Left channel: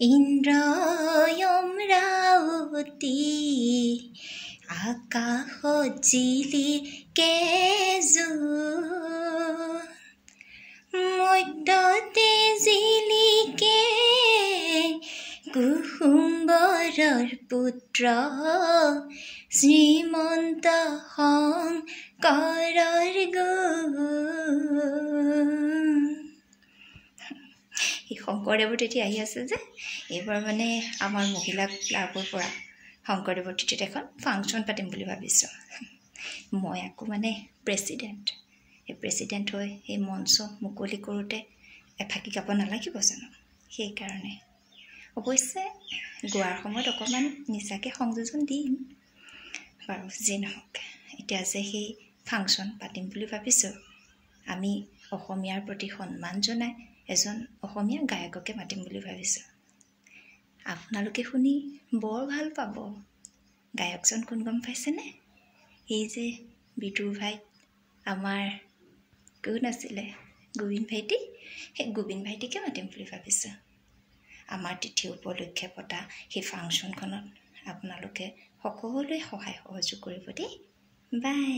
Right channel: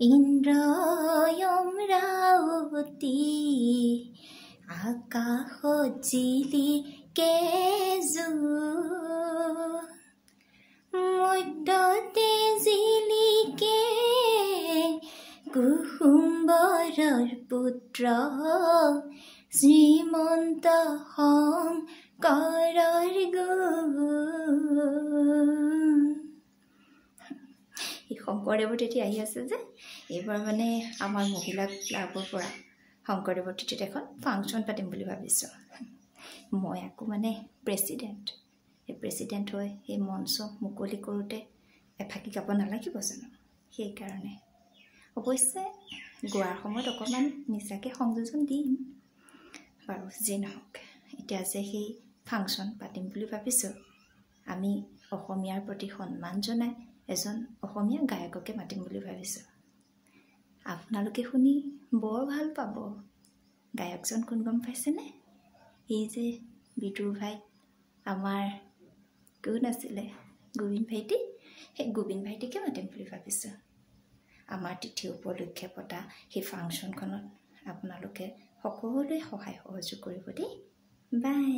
ইন্দ্ৰয়মৰাৱতী আকাশত জিলিকে জোন মধ্যতে জিলিকে কুসুম্বৰৰ পুত্ৰ শ্ৰীমন্ত শংকৰৰ গুণ শংকৰদেৱৰ তিথি আহি আছে যে এইবাৰ মানে আমাৰ মহিলা ক্লাবৰ পৰা শংকৰদেৱৰ তিথিত এখন ফাংচন পাতিম বুলি ভাবিছোঁ মই আকৌ মানে প্ৰেছিডেণ্ট এই প্ৰেছিডেণ্ট হৈ এই মঞ্চ মুকলি কৰোঁতে এফাকি গাব নালাগিব জানো সেইকাৰণে অৱশ্যে গোৱাৰ সময়ত অকণমান নিচাকৈ সংযোজন দিম বাৰু যি নহওক এতিয়া যে সেই ফাংচন পাতিম বুলি ভাবিছোঁ আমি অসমীয়াৰ প্ৰতি সন্মান জনাই এজন অসমীয়া গায়ককে মাতিম বুলি ভাবিছোঁ আপোনালোকে শুনি বৰ ভাল পাব গায়কজন কোন গম পাইছেনে এই যে বিদুৰ ভাই আমাৰ কোন আছিলে গোবিন্দ ভাইটি সেই গোবিন্দ ভাইটিকে মাতিম বুলি ভাবিছোঁ আমাৰ তিথি উপলক্ষে পতা সেই ফাংচনখনত আপোনালোকে সকলোৱে সহায় সহযোগ কৰিব দেই বাই